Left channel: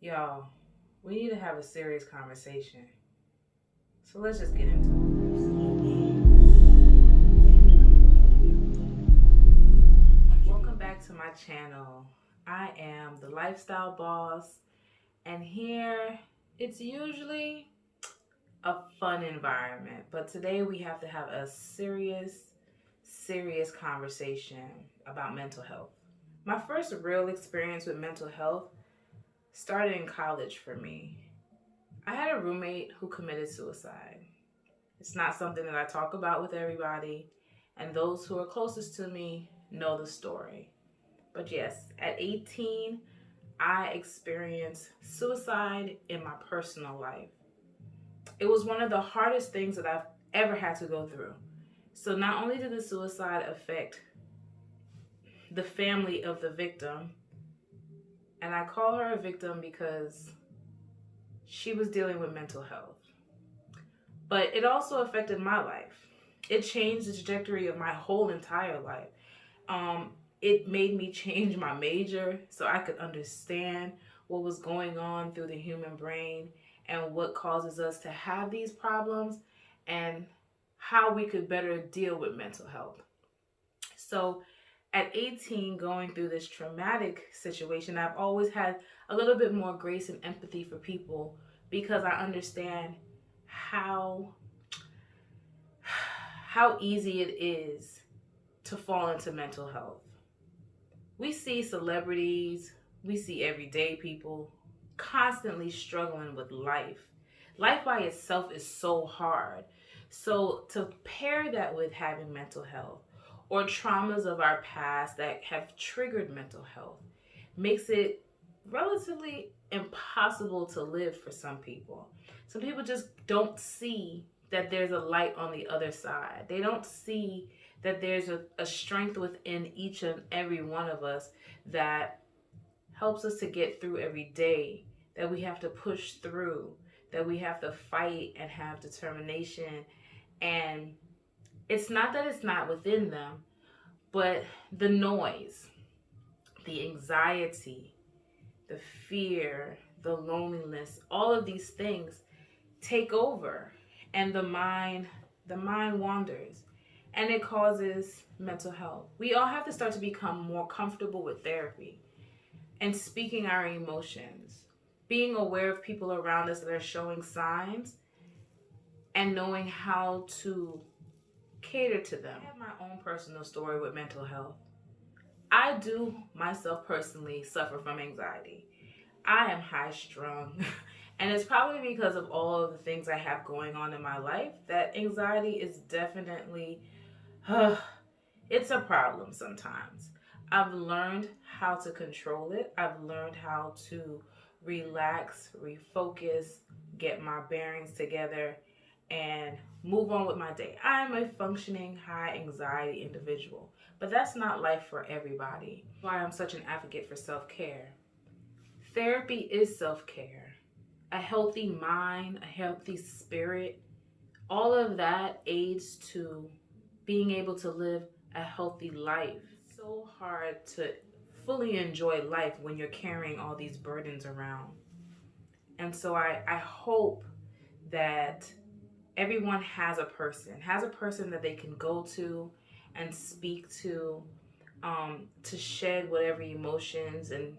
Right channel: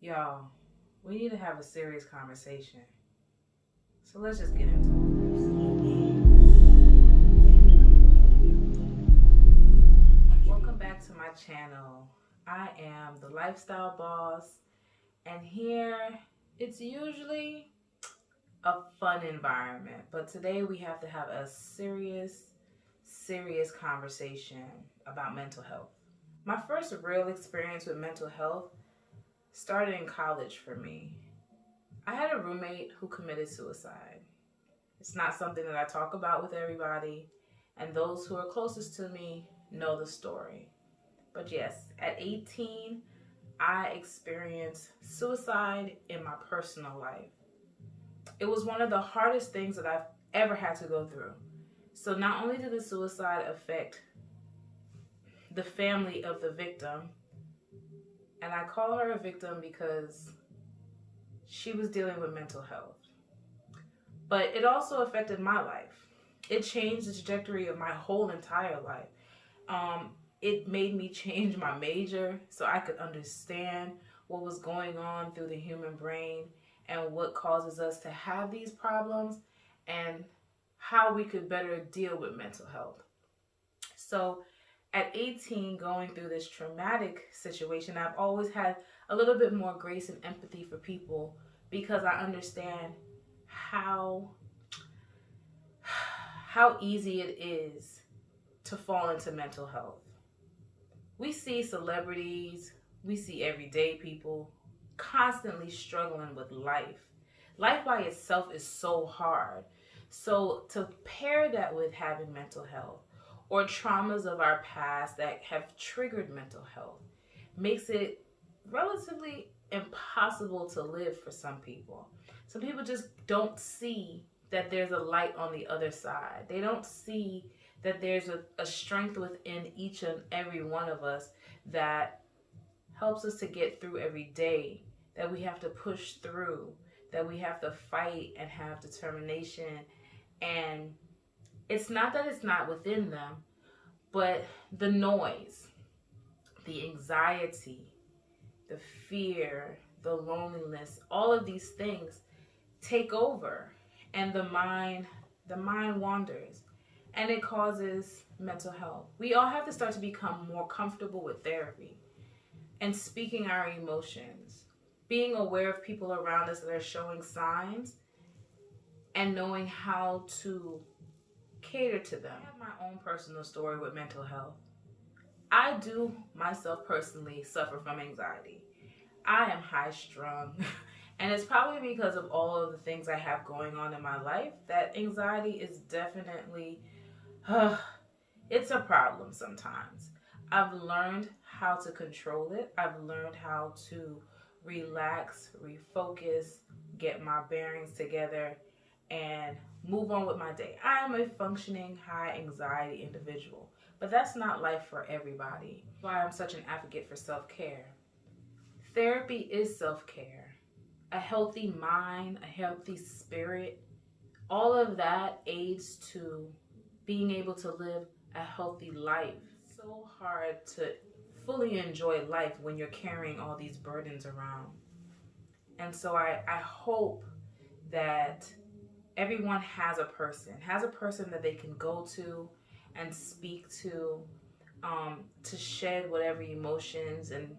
Y'all, we need to have a serious conversation. So let's just get into it. Welcome back to my channel. I am the Lifestyle Boss, and here it's usually a fun environment, but today we have to have a serious conversation about mental health. My first real experience with mental health started in college for me. I had a roommate who committed suicide. It's not something that I talk about with everybody, and those who are closest to me know the story. But yes, at 18, I experienced suicide in my personal life. It was one of the hardest things that I've ever had to go through. So not only did the suicide affect the family of the victim, and I call her a victim because she was dealing with mental health, but it also affected my life. It changed the trajectory of my whole entire life. It made me change my major so I could understand what was going on through the human brain and what causes us to have these problems and how we could better deal with mental health. So at 18, going through this traumatic situation, I've always had a little bit more grace and empathy for people because I understand how easy it is to fall into mental health. We see celebrities, we see everyday people constantly struggling with life. Life by itself is so hard. So to pair that with having mental health or traumas of our past that have triggered mental health makes it relatively impossible to live for some people. Some people just don't see that there's a light on the other side. They don't see that there's a strength within each and every one of us that helps us to get through every day, that we have to push through, that we have to fight and have determination. And it's not that it's not within them, but the noise, the anxiety, the fear, the loneliness, all of these things take over, and the mind wanders, and it causes mental health. We all have to start to become more comfortable with therapy and speaking our emotions, being aware of people around us that are showing signs and knowing how to cater to them. I have my own personal story with mental health. I do myself personally suffer from anxiety. I am high strung. And it's probably because of all of the things I have going on in my life that anxiety is definitely, it's a problem sometimes. I've learned how to control it. I've learned how to relax, refocus, get my bearings together, and move on with my day. I am a functioning high anxiety individual, but that's not life for everybody. That's why I'm such an advocate for self-care. Therapy is self-care. A healthy mind, a healthy spirit, all of that aids to being able to live a healthy life. It's so hard to fully enjoy life when you're carrying all these burdens around. And so I hope that everyone has a person that they can go to and speak to shed whatever emotions and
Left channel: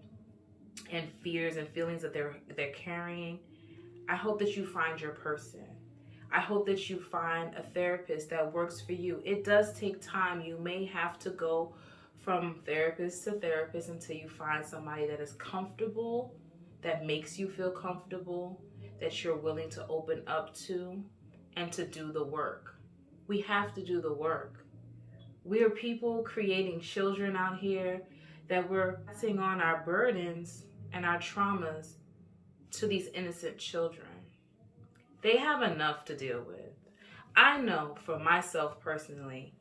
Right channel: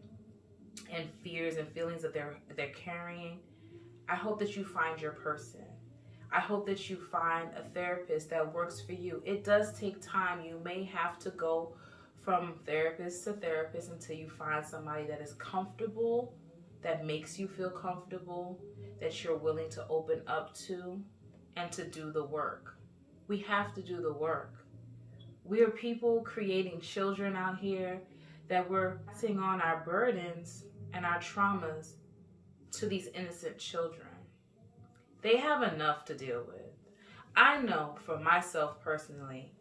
fears and feelings that they're carrying. I hope that you find your person. I hope that you find a therapist that works for you. It does take time. You may have to go from therapist to therapist until you find somebody that is comfortable, that makes you feel comfortable, that you're willing to open up to and to do the work. We have to do the work. We are people creating children out here that we're passing on our burdens and our traumas to these innocent children. They have enough to deal with. I know for myself personally,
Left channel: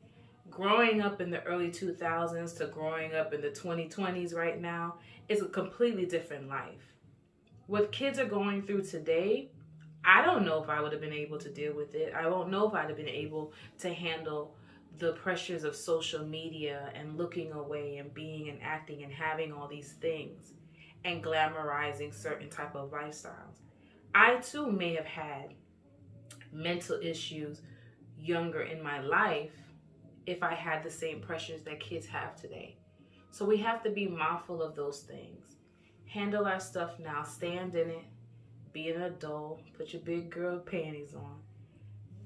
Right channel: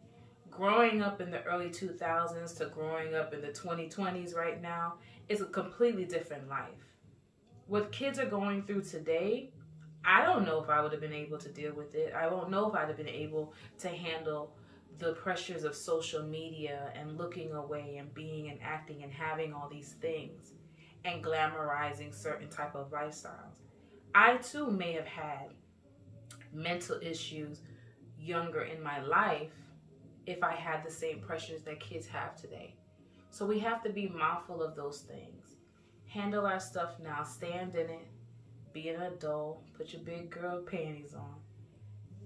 growing up in the early 2000s to growing up in the 2020s right now is a completely different life. What kids are going through today, I don't know if I would have been able to deal with it. I won't know if I'd have been able to handle the pressures of social media and looking away and being and acting and having all these things. and glamorizing certain type of lifestyles. I too may have had mental issues younger in my life if I had the same pressures that kids have today. So we have to be mindful of those things. Handle our stuff now, stand in it, be an adult, put your big girl panties on,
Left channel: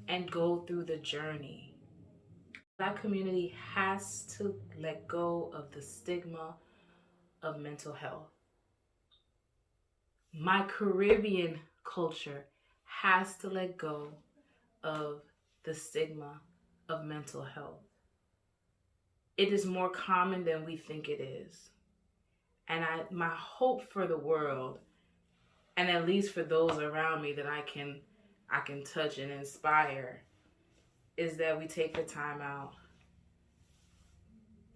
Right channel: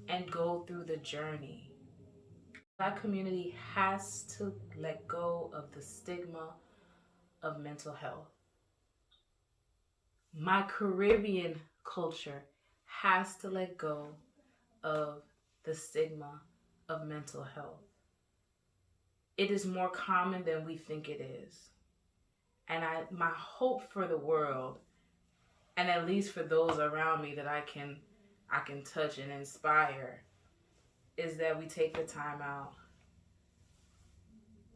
and go through the journey. That community has to let go of the stigma of mental health. My Caribbean culture has to let go of the stigma of mental health. It is more common than we think it is. And my hope for the world, and at least for those around me that I can touch and inspire, is that we take the time out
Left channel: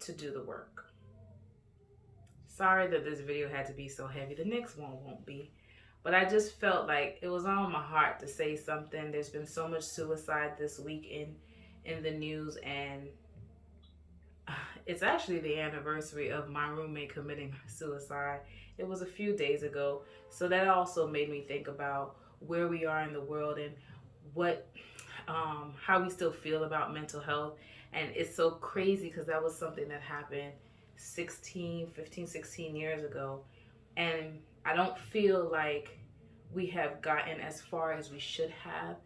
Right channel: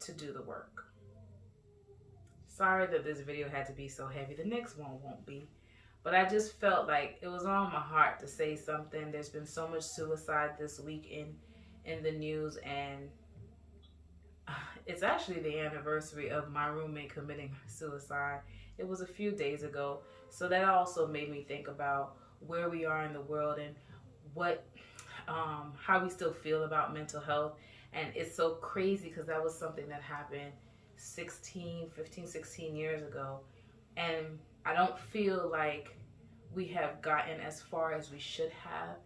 to do the work. Sorry that this video had to be so heavy. The next one won't be. But I just felt like it was on my heart to say something. There's been so much suicide this week in the news, and it's actually the anniversary of my roommate committing suicide. It was a few days ago. So that also made me think about where we are in the world and how we still feel about mental health. And it's so crazy because that was something that happened 15, 16 years ago. And I don't feel like we have gotten as far as we should have.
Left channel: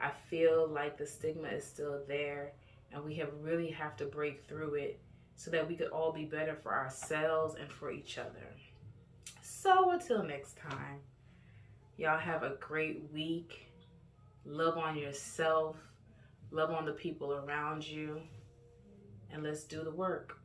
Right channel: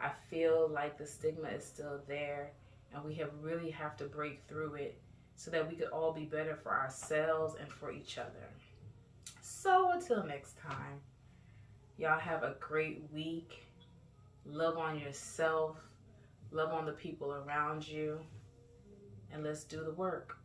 I feel like the stigma is still there, and we really have to break through it so that we could all be better for ourselves and for each other. So until next time, y'all have a great week. Love on yourself, love on the people around you, and let's do the work.